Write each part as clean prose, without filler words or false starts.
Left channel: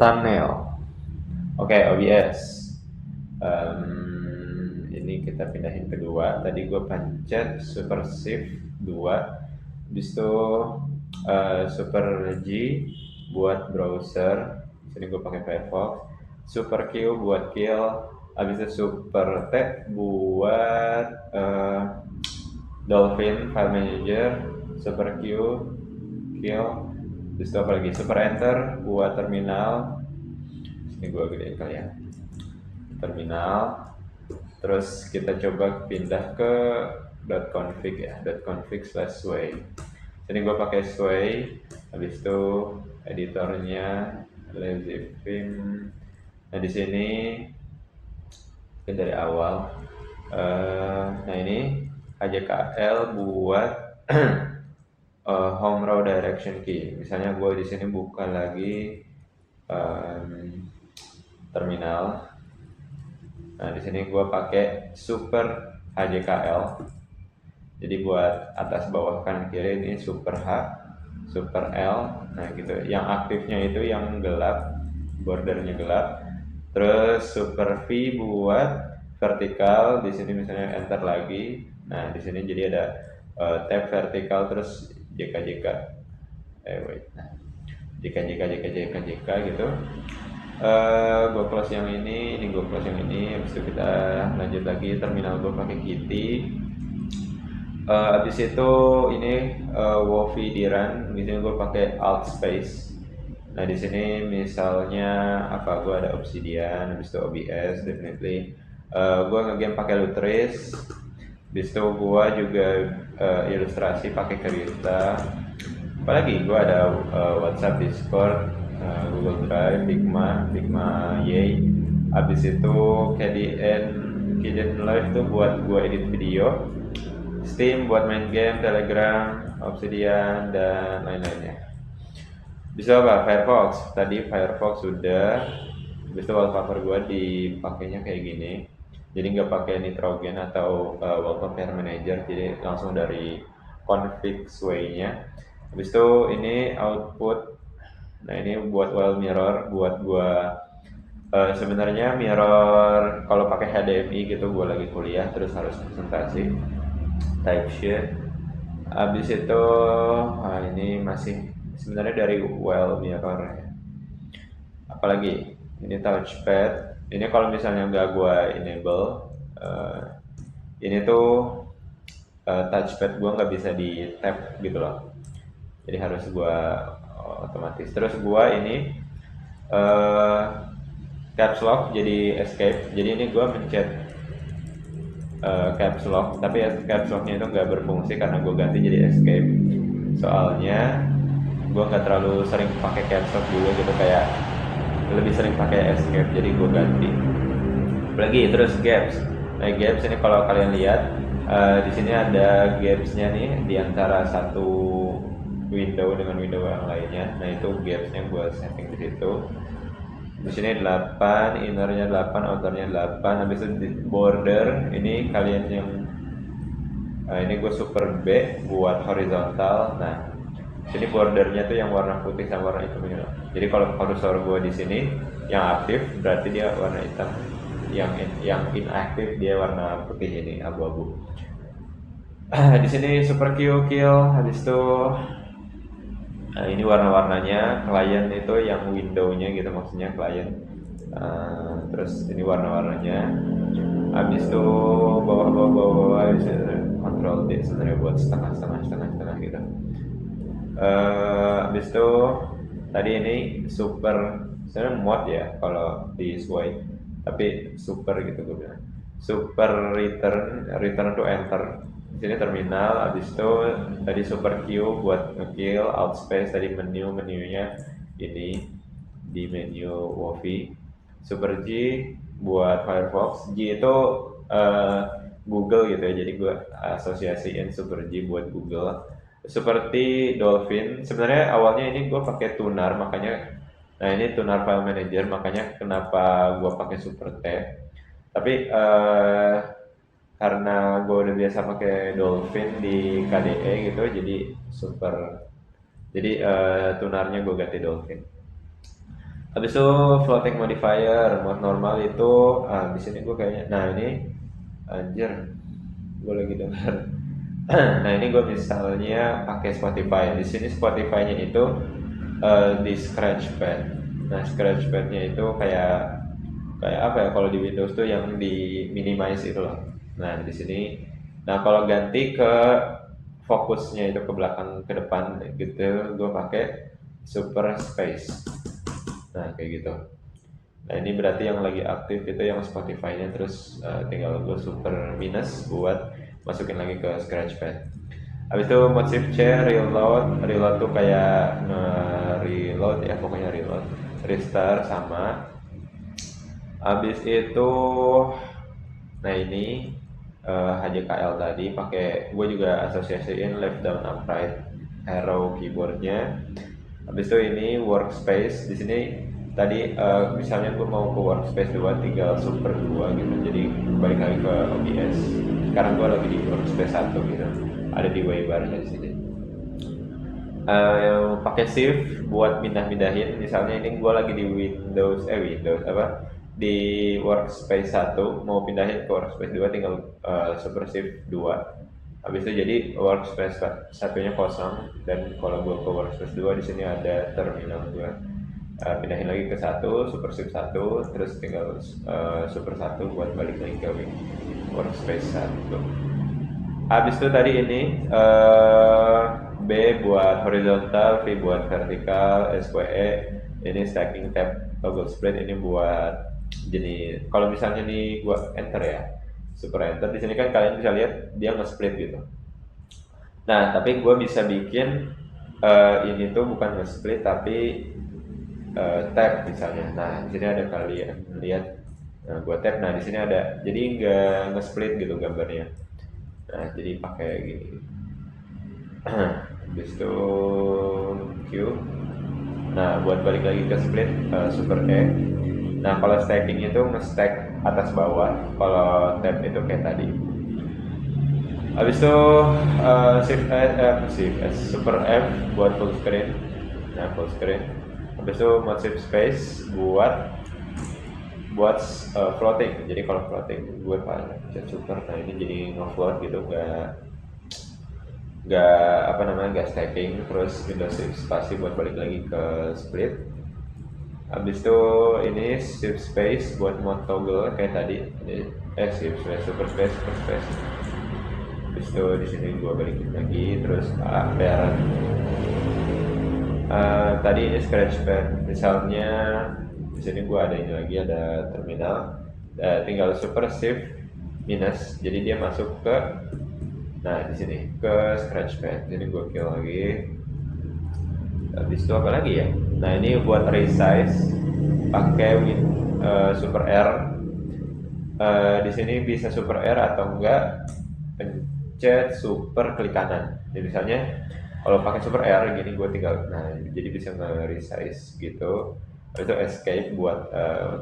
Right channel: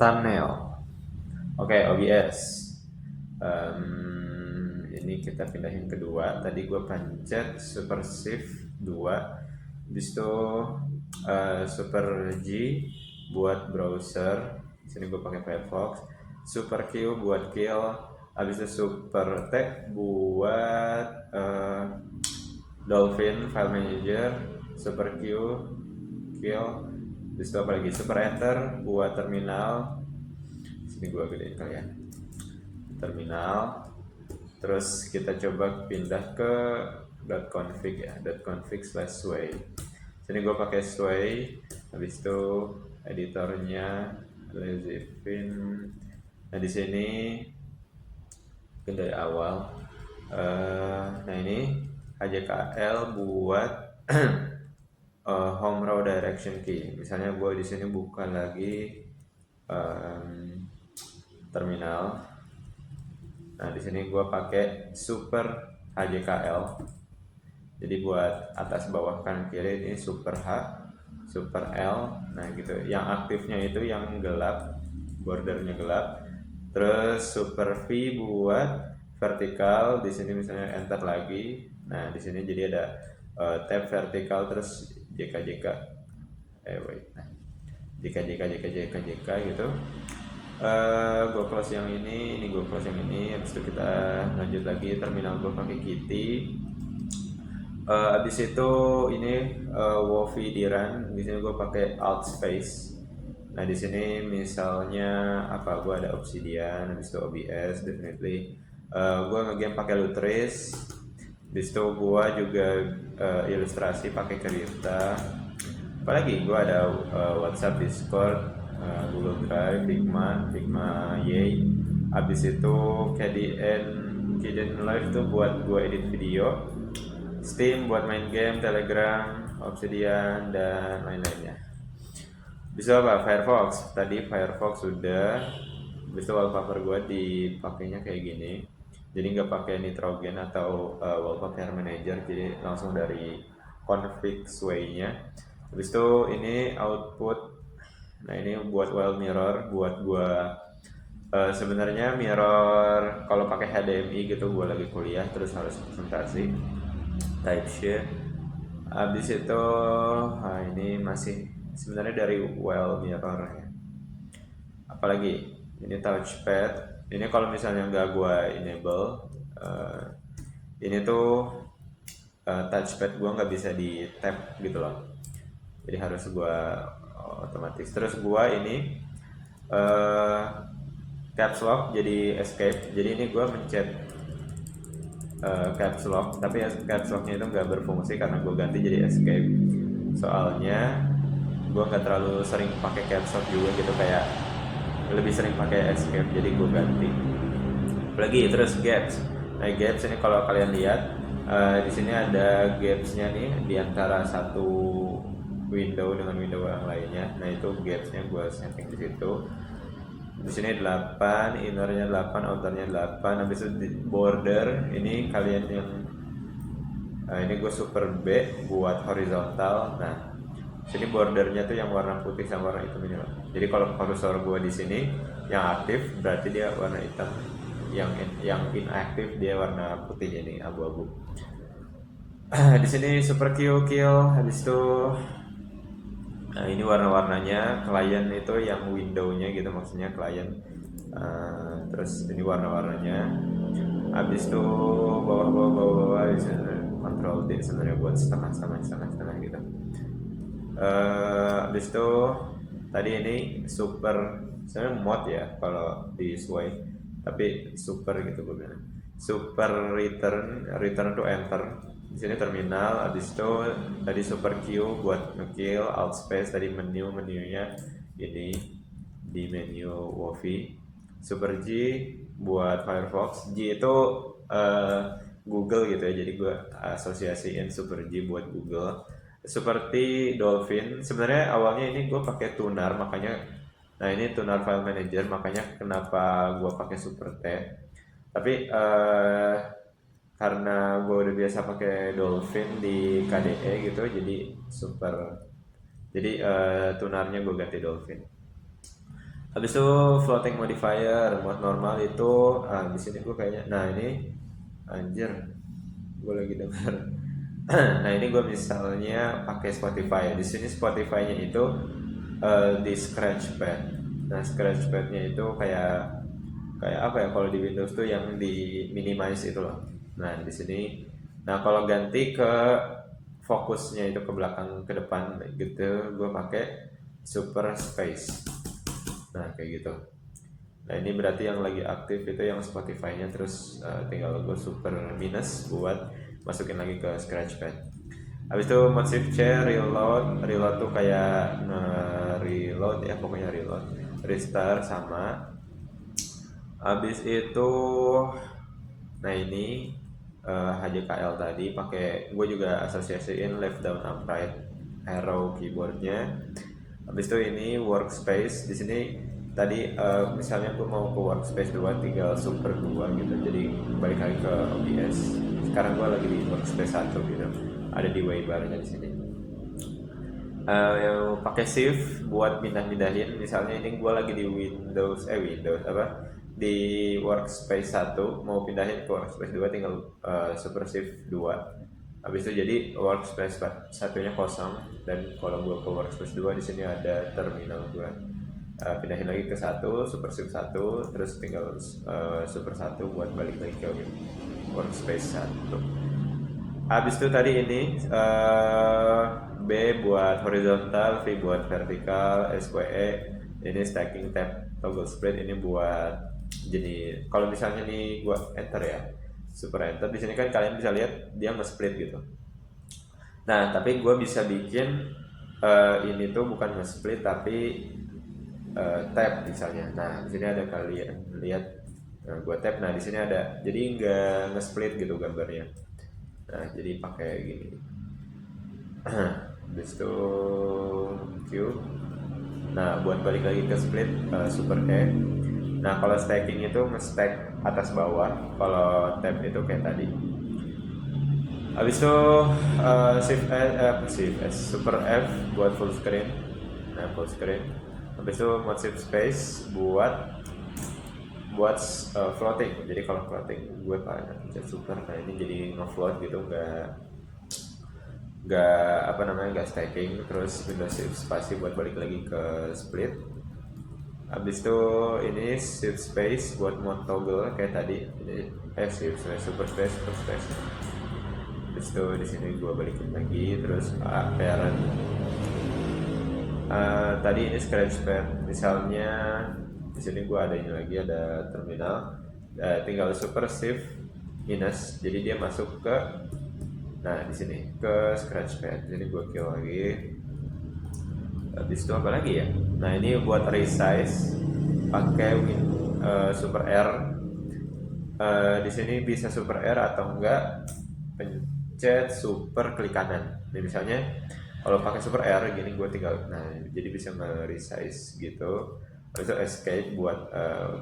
thumbnail. Oke, OBS. Ini kita pindahin kedua. Tadi gue pencet Super Shift 2. Habis itu Super G buat browser. Sini gue pakai Firefox. Super Q buat kill. Habis itu Super T buat Dolphin File Manager. Super Q kill. Habis itu apa lagi? Super Enter buat terminal. Sini gue gedein kalian. Terminal. Terus kita coba pindah ke .config ya, .config/sway. Sini gue pakai sway. Habis itu editornya lazyfin. Nah di sini dari awal. Nah ini HJKL buat home row direction key. Misalnya gue di sini buka lagi terminal. Nah di sini gue pakai Super HJKL. Jadi buat atas bawah kanan kiri ini Super H, Super L. Nah gitu. Yang aktifnya itu yang gelap, bordernya gelap. Terus Super V buat vertikal. Di sini misalnya enter lagi. Nah di sini jadi ada tab vertikal terus JK. Nah, JK gitu. Gue close yang ini gue close yang ini. Habis itu kita lanjut lagi terminal gue pakai Kitty. Habis itu ini Wofi di run. Di sini gue pakai Alt Space. Nah di sini misalnya apa? Gue ada Obsidian, habis itu OBS, definitely. Gue ngegame pakai Lutris. Habis itu gue juga ilustrasi pakai Krita. Apalagi gue ada WhatsApp, Discord, Google Drive, Figma, Yay. Habis itu KDN Live tuh buat gue edit video, Steam buat main game, Telegram, Obsidian dan lain-lainnya. Bisa apa? Firefox. Tadi Firefox sudah. Habis itu wallpaper gue dipakainya kayak gini. Jadi nggak pakai nitrogen atau wallpaper manager. Jadi langsung dari config sway-nya. Habis itu ini output. Nah ini buat well mirror, buat gua sebenarnya mirror kalau pakai HDMI gitu. Gua lagi kuliah terus harus presentasi, type sheet. Habis itu ini masih sebenarnya dari well mirror ya. Apalagi ini touchpad. Ini kalau misalnya nggak gua enable, ini tuh touchpad gua nggak bisa di tap gitu loh. Jadi harus gua otomatis. Terus gua ini caps lock jadi escape. Jadi ini gua mencet caps lock, tapi caps locknya itu nggak berfungsi karena gua ganti jadi escape. Soalnya gua nggak terlalu sering pakai caps lock juga gitu, kayak lebih sering pakai escape, jadi gua ganti. Apalagi terus gaps. Nah gaps ini kalau kalian lihat di sini ada gapsnya nih di antara satu window dengan window yang lainnya. Nah itu gapsnya gue setting di situ. Di sini 8, innernya 8, outernya 8. Habis itu border ini kalian yang ini gue super B buat horizontal. Nah sini bordernya tuh yang warna putih sama warna hitam ini. Jadi kalau kursor gue di sini yang aktif berarti dia warna hitam, yang inaktif dia warna putih ini, abu-abu. Di sini super Q kill. Habis itu nah ini warna-warnanya klien itu yang window-nya gitu, maksudnya klien. Terus ini warna-warnanya. Habis itu bawah bisa control D sebenarnya buat setengah gitu. Habis itu tadi ini super sebenarnya mod ya kalau di sway, tapi super gitu gue bilang. Super return to enter. Di sini terminal. Habis itu tadi super Q buat ngekill, alt space tadi menunya ini di menu Wofi. Super G buat Firefox. G itu Google gitu ya, jadi gue asosiasiin super G buat Google. Seperti Dolphin, sebenarnya awalnya ini gue pakai tunar, makanya nah ini tunar file manager, makanya kenapa gue pakai super T. Tapi karena gue udah biasa pakai Dolphin di KDE gitu, jadi tunarnya gue ganti Dolphin. Habis itu floating modifier, mode normal itu di sini gue kayaknya, nah ini anjir, gue lagi dengar. Nah ini gue misalnya pakai Spotify. Di sini Spotify-nya itu di Scratchpad. Nah Scratchpad-nya itu kayak kayak apa ya, kalau di Windows tuh yang di minimize itu loh. Nah di sini, nah kalau ganti ke fokusnya itu ke belakang ke depan gitu, gue pakai Super Space. Nah kayak gitu. Nah ini berarti yang lagi aktif itu yang Spotify-nya, terus tinggal gue super minus buat masukin lagi ke Scratchpad. Habis itu mode shift C, reload. Reload tuh kayak reload ya, pokoknya reload. Restart sama. Habis itu, nah ini HJKL tadi pakai, gue juga asosiasiin left down upright arrow keyboardnya. Habis itu ini workspace. Di sini tadi misalnya gue mau ke workspace 2 tinggal super 2 gitu, jadi balik lagi ke OBS. Sekarang gue lagi di workspace 1 gitu, ada di waybarnya di sini. Pakai shift buat pindah-pindahin. Misalnya ini gue lagi di Windows apa, di workspace 1 mau pindahin ke workspace 2 tinggal super shift 2. Habis itu jadi workspace satunya kosong, dan kalau gue ke workspace 2 di sini ada terminal gue. Pindahin lagi ke 1, super shift 1, terus tinggal super 1 buat balik lagi ke workspace 1. Habis itu tadi ini B buat horizontal, V buat vertikal, SQE ini stacking tab toggle split, ini buat jenis. Kalau misalnya nih gua enter ya, super enter, di sini kan kalian bisa lihat dia nge-split gitu. Nah tapi gua bisa bikin ini tuh bukan nge-split tapi tab misalnya. Nah di sini ada, kalian lihat, nah gua tab, nah di sini ada, jadi nggak nge-split gitu gambarnya. Nah jadi pakai gini. Habis itu Q. Nah buat balik lagi ke split super E. Nah kalau stacking itu nge-stack atas bawah, kalau tab itu kayak tadi. Habis itu shift S, super F buat full screen. Nah full screen. Habis itu mode shift space buat floating. Jadi kalau floating gue pakai super. Nah ini jadi nge-float gitu, nggak stacking. Terus Windows shift spasi buat balik lagi ke split. Habis itu ini shift space buat mode toggle kayak tadi. Jadi shift space, super space, super space. Habis itu di sini gua balikin lagi, terus parent. Tadi ini Scratchpad. Misalnya di sini gua ada ini lagi, ada terminal. Tinggal super shift minus, jadi dia masuk ke, nah di sini ke Scratchpad. Jadi gua kill lagi. Habis itu apa lagi ya? Nah ini buat resize pakai super R. Di sini bisa super R atau enggak pencet super klik kanan. Jadi misalnya kalau pakai super R gini, gue tinggal, nah jadi bisa nge-resize gitu. Habis itu escape buat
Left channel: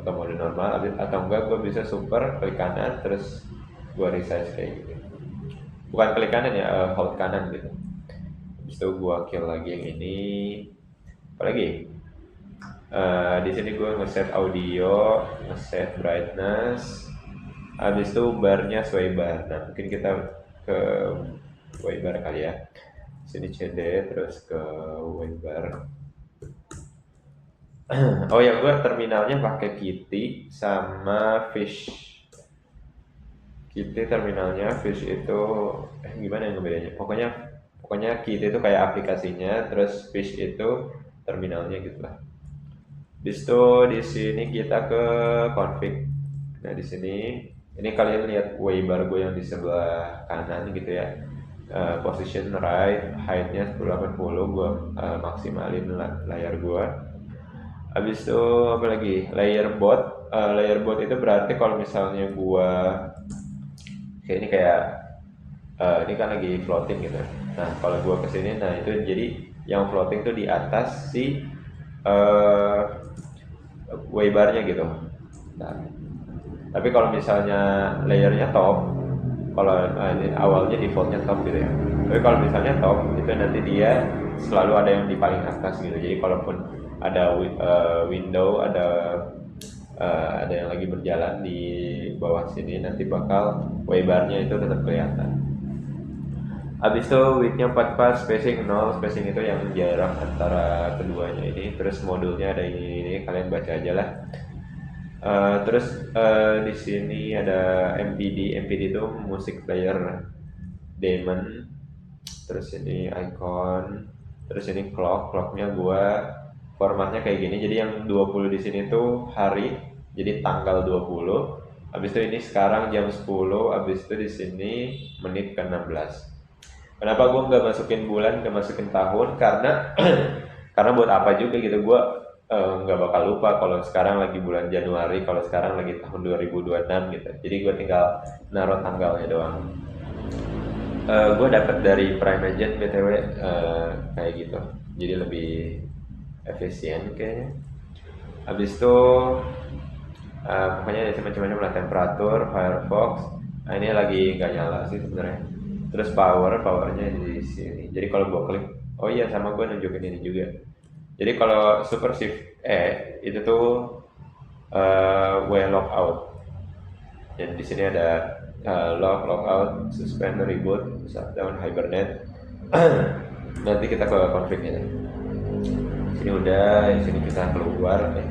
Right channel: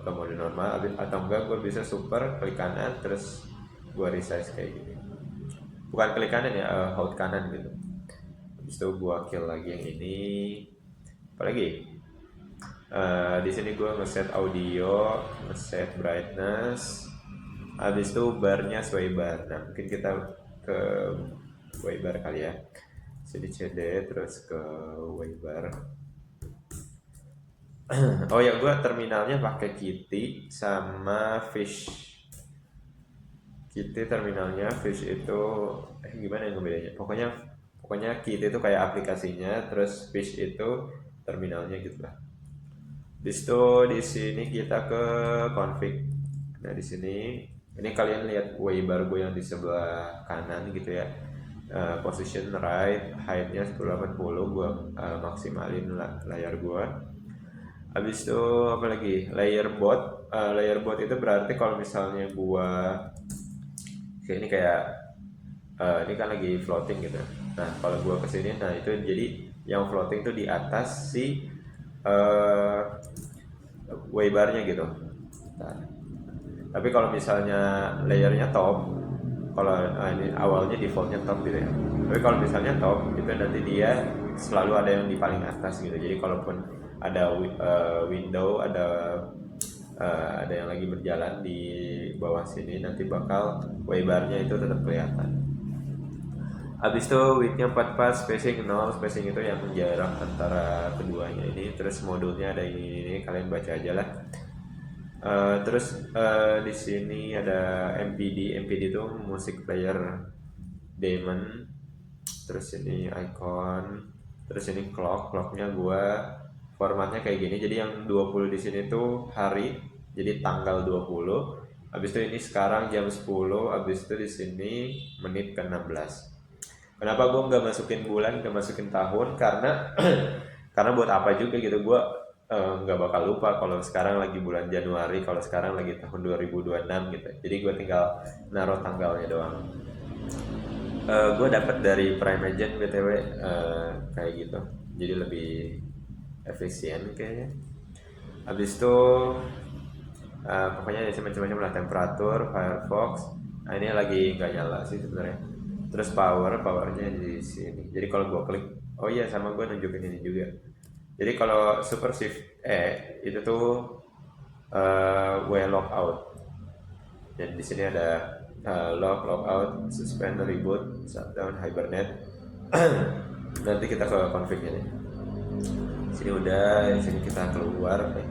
ke mode normal, atau enggak gue bisa super klik kanan terus gue resize kayak gitu. Bukan klik kanan ya, hold kanan gitu. Habis itu gue kill lagi yang ini. Apalagi di sini gue ngeset audio, ngeset brightness. Habis itu barnya sway bar. Nah mungkin kita ke sway bar kali ya. Sini CD terus ke sway bar. Oh ya, gue terminalnya pakai Kitty sama Fish. Kitty terminalnya, Fish itu gimana yang bedanya? Pokoknya Kitty itu kayak aplikasinya, terus Fish itu terminalnya gitu lah. Habis itu di sini kita ke config. Nah di sini ini kalian lihat waybar gue yang di sebelah kanan gitu ya. Position right, height-nya 1080, gue maksimalin layar gue. Habis itu apa lagi? Layer board itu berarti kalau misalnya gue kayak ini, kayak ini kan lagi floating gitu. Nah kalau gue kesini, nah itu jadi yang floating tuh di atas si waybarnya gitu. Nah, tapi kalau misalnya layernya top, kalau awalnya defaultnya top gitu ya. Tapi kalau misalnya top itu nanti dia selalu ada yang di paling atas gitu. Jadi kalaupun ada window, ada yang lagi berjalan di bawah sini, nanti bakal waybarnya itu tetap kelihatan. Habis itu widthnya 44, spacing 0, spacing itu yang jarak antara keduanya ini. Terus modulnya ada ini kalian baca aja lah. Terus di sini ada MPD itu music player daemon. Terus ini icon, terus ini clocknya gua formatnya kayak gini. Jadi yang 20 di sini tuh hari, jadi tanggal 20. Habis itu ini sekarang jam 10, habis itu di sini menit ke 16. Kenapa gue nggak masukin bulan, nggak masukin tahun? Karena karena buat apa juga gitu, gue nggak bakal lupa kalau sekarang lagi bulan Januari, kalau sekarang lagi tahun 2026 gitu. Jadi gue tinggal naruh tanggalnya doang. Gue dapat dari Prime Agent BTW, kayak gitu. Jadi lebih efisien kayaknya. Habis itu pokoknya ada macam-macam lah, temperatur, Firefox. Nah ini lagi nggak nyala sih sebenarnya. Terus powernya di sini. Jadi kalau gue klik, oh iya sama gue nunjukin ini juga. Jadi kalau super shift itu tuh way lockout. Dan di sini ada lockout, suspend, reboot, shutdown, hibernate. Nanti kita ke config-nya. Sini udah, di sini kita keluar nih.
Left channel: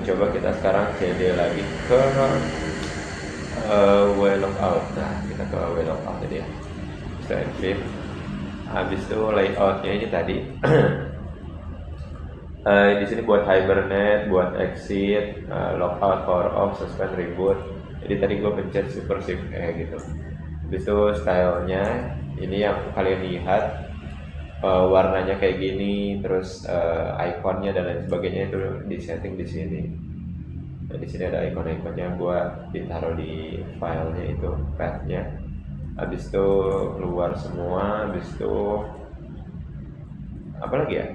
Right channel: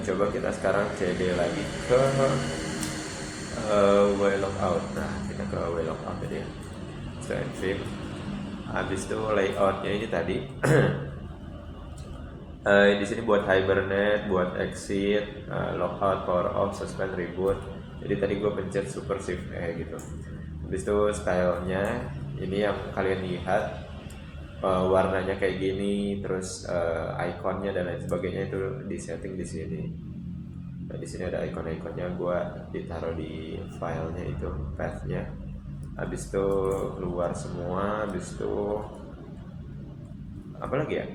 Coba kita sekarang cd lagi ke way lockout. Nah kita ke way lockout jadi setelah film. Habis itu layoutnya ini tadi. Di sini buat hibernate, buat exit, lockout, power off, suspend, reboot. Jadi tadi gue pencet super shift gitu. Habis itu stylenya ini yang kalian lihat, warnanya kayak gini, terus ikonnya dan lain sebagainya itu di setting di sini. Nah, di sini ada ikon-ikonnya, gua ditaruh di filenya itu, pathnya. Habis itu keluar semua, habis itu apa lagi ya?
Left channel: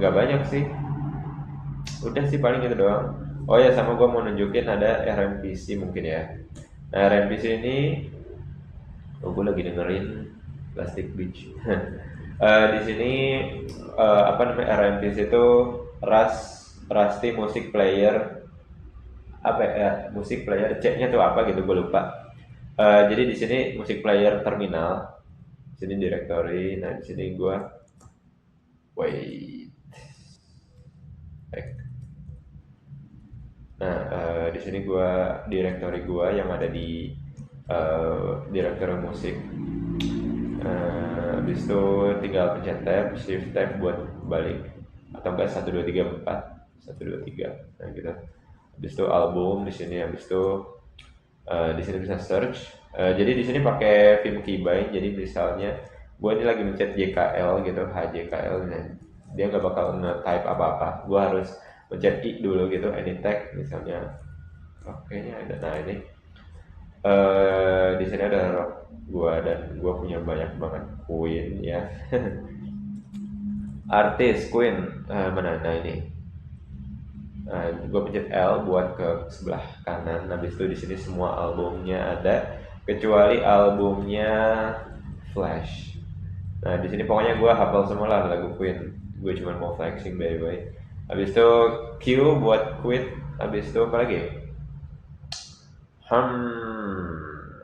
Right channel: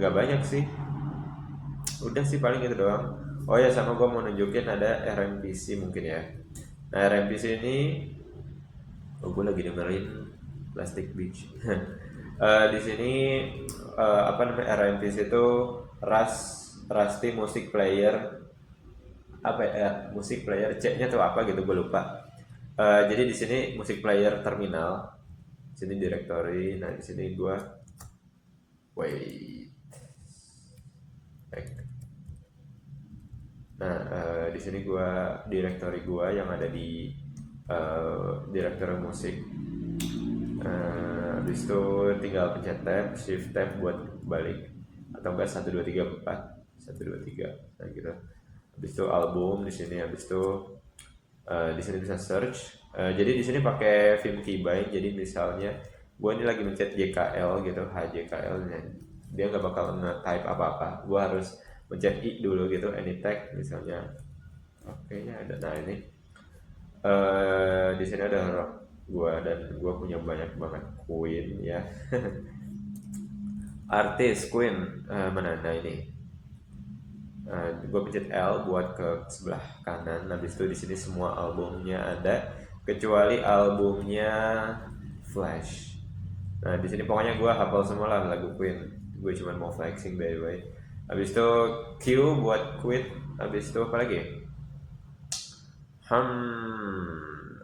Nggak banyak sih. Udah sih paling gitu doang. Oh ya, sama gua mau nunjukin ada RMPC mungkin ya. Nah, RMPC ini gue lagi dengerin Plastic Beach. Di sini apa namanya, RMPC itu Rusty Music Player, apa ya, Music Player C-nya tuh apa gitu gue lupa. Jadi di sini Music Player Terminal, sini directory. Nah di sini gue di sini gue directory gue yang ada di directory musik. Habis itu tinggal pencet tab, shift tab buat balik, atau enggak 1 2 3 4 1 2 3. Nah gitu. Habis itu album di sini. Habis itu di sini bisa search. Jadi di sini pakai Vim Keybind. Jadi misalnya gue ini lagi mencet JKL gitu, HJKL nya, dia nggak bakal nge-type apa-apa. Gue harus mencet I dulu gitu, any tag misalnya. Kayaknya ada. Nah ini di sini ada rock gua, dan gua punya banyak banget Queen ya. Artis Queen, mana? Nah ini. Gua pencet L buat ke sebelah kanan. Habis itu di sini semua albumnya ada, kecuali albumnya Flash. Nah di sini pokoknya gua hafal semua lah lagu Queen. Gue cuma mau flexing by the way. Habis itu Q buat quit. Habis itu apa lagi?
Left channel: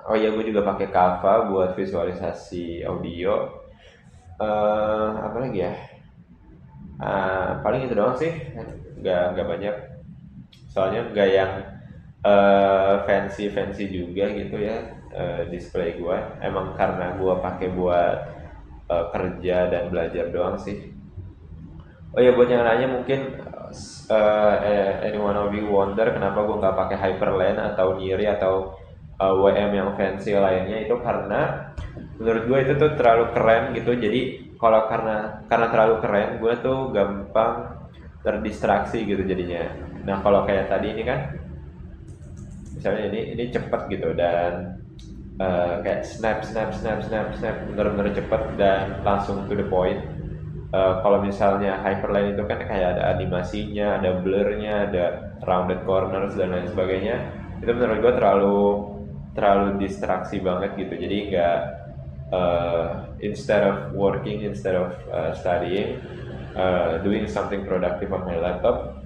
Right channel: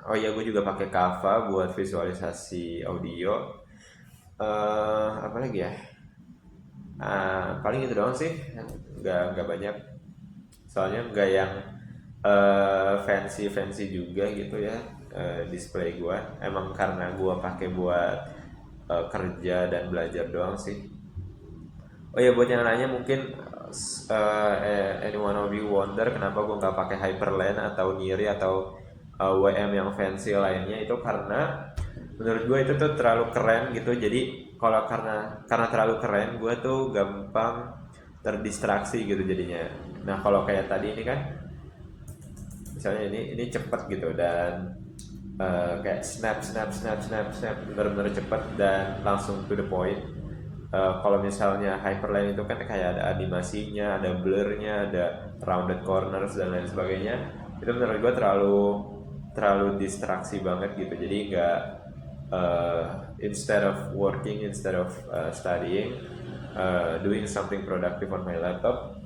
Oh iya, gue juga pakai Canva buat visualisasi audio. Apa lagi ya? Paling itu doang sih, nggak banyak. Soalnya nggak yang fancy juga gitu ya, display gue. Emang karena gue pakai buat kerja dan belajar doang sih. Oh ya, buat yang lainnya mungkin anyone of you wonder kenapa gue nggak pakai Hyperland atau Niri atau WM yang fancy lainnya. Itu karena menurut gue itu tuh terlalu keren gitu. Jadi kalau karena terlalu keren, gue tuh gampang terdistraksi gitu jadinya. Nah kalau kayak tadi ini kan, misalnya ini cepet gitu, dan kayak snap bener-bener cepet dan langsung to the point. Kalau misalnya Hyperland itu kan kayak ada animasinya, ada blurnya, ada rounded corners dan lain sebagainya. Itu menurut gue terlalu distraksi banget gitu. Jadi instead of working, instead of studying, doing something productive on my laptop,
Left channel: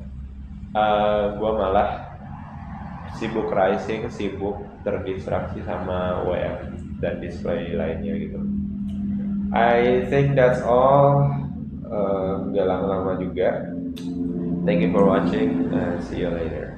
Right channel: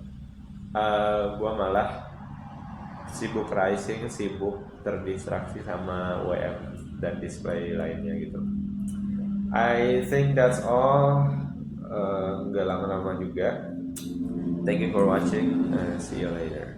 gue malah sibuk rising, sibuk terdistraksi sama web dan display lainnya gitu. I think that's all. Nggak lama-lama juga. Thank you for watching and see you later.